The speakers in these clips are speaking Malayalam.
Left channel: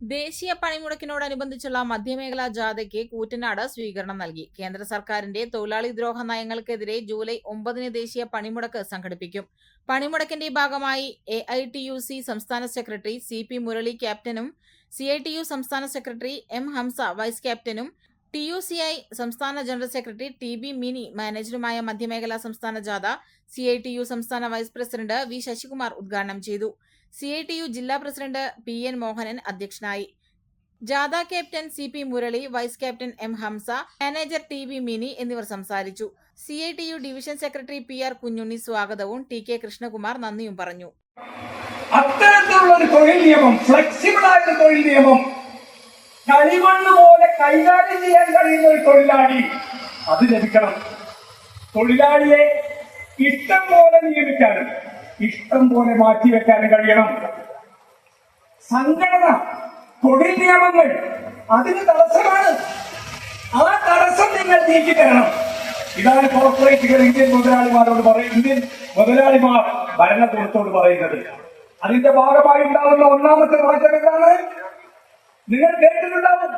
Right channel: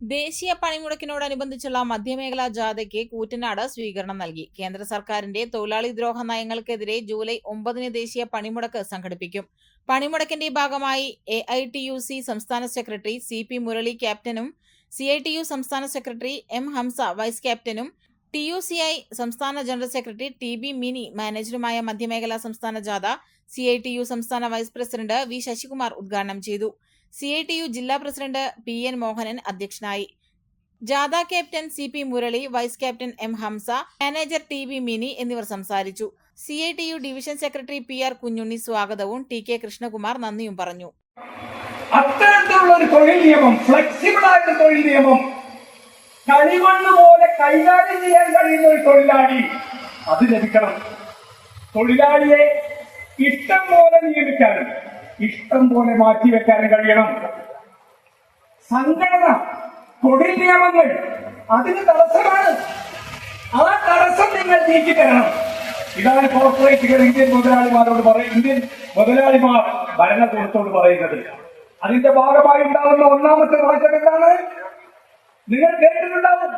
ദേശീയ പണിമുടക്കിനോടനുബന്ധിച്ചുള്ള മധ്യമേഖലാ ജാഥയ്ക്ക് കൂറ്റനാട് സ്വീകരണം നൽകി. കേന്ദ്ര സർക്കാരിന്റെ തൊഴിലാളി ദ്രോഹ നയങ്ങൾക്കെതിരെ ജൂലൈ ഒമ്പതിന് ദേശീയ പണിമുടക്ക് സംഘടിപ്പിക്കും. പണിമുടക്കിന്റെ ഭാഗമായി A I T U C സംസ്ഥാന സെക്രട്ടറി സി പി മുരളി ക്യാപ്റ്റനും സി ഐ ടി യു സംസ്ഥാന സെക്രട്ടറി എം ഹംസ വൈസ് ക്യാപ്റ്റനും ടി യു സി ഐ സംസ്ഥാന general secretary T B Mini മാനേജറുമായ മധ്യമേഖലാ സംസ്ഥാന ജാഥ സി ഐ ടി യു സംസ്ഥാന വൈസ് പ്രസിഡന്റ് വി ശശികുമാർ ഉദ്ഘാടനം ചെയ്തു. സി ഐ ടി യു ജില്ലാ പ്രസിഡന്റ് പി എൻ മോഹനൻ അധ്യക്ഷനായി. ജാഥ captain C P Murali vice captain M Hamsa manager T V Mini എന്നിവർ സംസാരിച്ചു. C I T U division secretary P R Kunhunni സ്വാഗതവും ടി കെ കൃഷ്ണകുമാർ നന്ദിയും പറഞ്ഞു. അത്തരത്തിലുള്ള ഒരു തൊഴിൽ നിയമം ഫ്ലെക്സിബിൾ ആയ ഒരു തൊഴിൽ നിയമം കളിമണ്ണ് പോലെ കൈകാര്യം ചെയ്യാൻ കഴിയുന്ന ഒരു തൊഴിലാളി അത് ലഭിക്കണം. തൊഴിലാളിയെ ഇഷ്ടം പോലെ നിയമിക്കാനും ഇഷ്ടം പോലെ മാറ്റിവെക്കാൻ കഴിയണം. സംഘടന തൊഴിൽ നിയമങ്ങൾ അതിന് തടസ്സമാണ്. ആ തടസ്സം നിങ്ങൾ നീക്കി തരണം ഇതാണ് കോർപ്പറേറ്റുകൾ ഇന്ത്യൻ മുതലാളിമാരോട് പറയും. ഇന്ത്യൻ മുതലാളിമാർ ഭരണകൂടത്തോട് പറയുന്നത്. അതിന്റെ ഭാഗമായി ഉണ്ടാകുന്ന ഒന്നാമത്തെ മാറ്റം എന്താണ്? നിങ്ങൾ കേട്ടിട്ടുണ്ടാവും.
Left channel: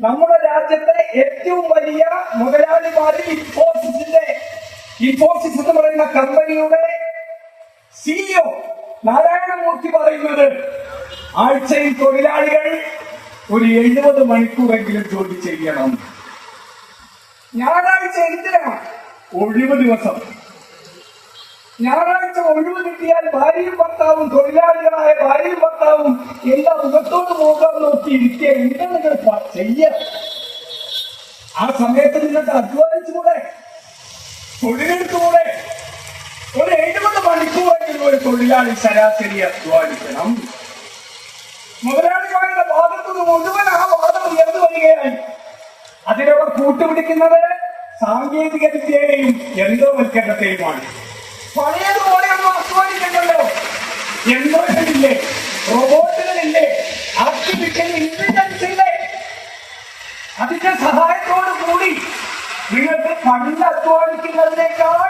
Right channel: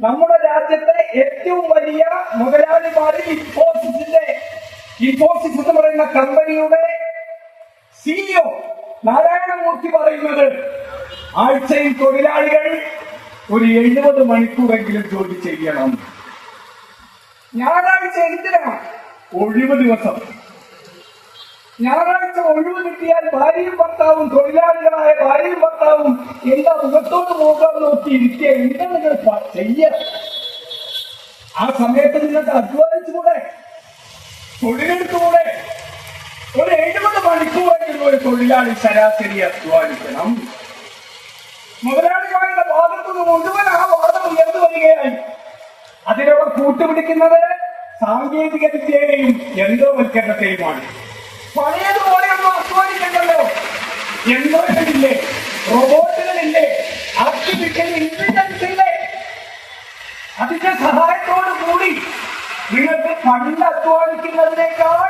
നമ്മുടെ രാജ്യത്തെ ഏറ്റവും വലിയ മുതലാളിമാരിൽ ഇൻഫോസിസിന്റെ ഇൻഫോസിസ് എന്ന് പറയുന്ന കമ്പനിയുടെ സിഇഒ നാരായണമൂർത്തി പറയുന്നത് ആഴ്ചയിൽ തൊഴിലാളികൾ ഒരു എഴുപത് മണിക്കൂറെങ്കിലും ജോലി ചെയ്യണം. ഞായറാഴ്ച എന്തിനാണ്? ഒഴിവ് ദിവസം. ഞായറാഴ്ച ഒഴിവ് കിട്ടിയാൽ ഭാര്യയും ഭർത്താവും തൊഴിലാളികളായ ഭാര്യയും ഭർത്താവും എല്ലാ മുഖത്തോട് പോകാൻ നോക്കി ഇരിക്കുക. എന്താ നിങ്ങൾ ചെയ്യ ആ സമയത്ത് നിങ്ങൾക്ക് അധ്വാനിച്ചുകൂടെ തൊഴിലെടുത്തുകൂടെ ഒരു എഴുപത് മണിക്കൂറെങ്കിലും ഒരു തൊഴിലാളി ശരാശരി അധ്വാനിക്കണം. മുതലാളിമാരുടെ നിന്ന് മുഴുവൻ ആ വാദം ഉയർന്നു വരികയായി അതിനോട് കൂട്ടുപിടിക്കുന്നത് സാങ്കേതിക വിദ്യയെയും യന്ത്രവൽക്കരണത്തെയുമാണ് പഴയതുപോലെയൊന്നും അധ്വാനിക്കണ്ടല്ലോ. യന്ത്രങ്ങളില്ലേ റോബോട്ടുകളില്ലേ? ആർട്ടിഫിഷ്യൽ ഇന്റലിജൻസ് അതിന്റെ സഹായത്തോടു കൂടി നിങ്ങൾക്ക് പണ്ട് അധ്വാനിക്കുന്നതിനേക്കാൾ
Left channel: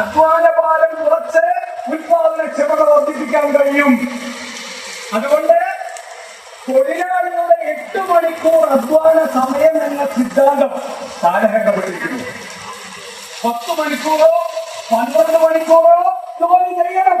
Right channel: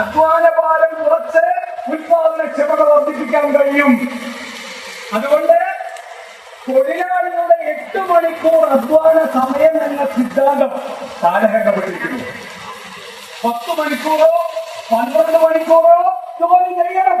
അധ്വാന ഭാരം കുറച്ച് വർദ്ധിപ്പിക്കാൻ കഴിയും. അതുകൊണ്ട് തൊഴിലാളികളുടെ എട്ട് മണിക്കൂർ അധ്വാന സമയം എന്ന സിദ്ധാന്തം കാലഘട്ടപ്പെട്ടിരിക്കുന്നു പത്ത് മണിക്കൂറോ പന്ത്രണ്ട് മണിക്കൂറോ ജോലി ചെയ്യണം.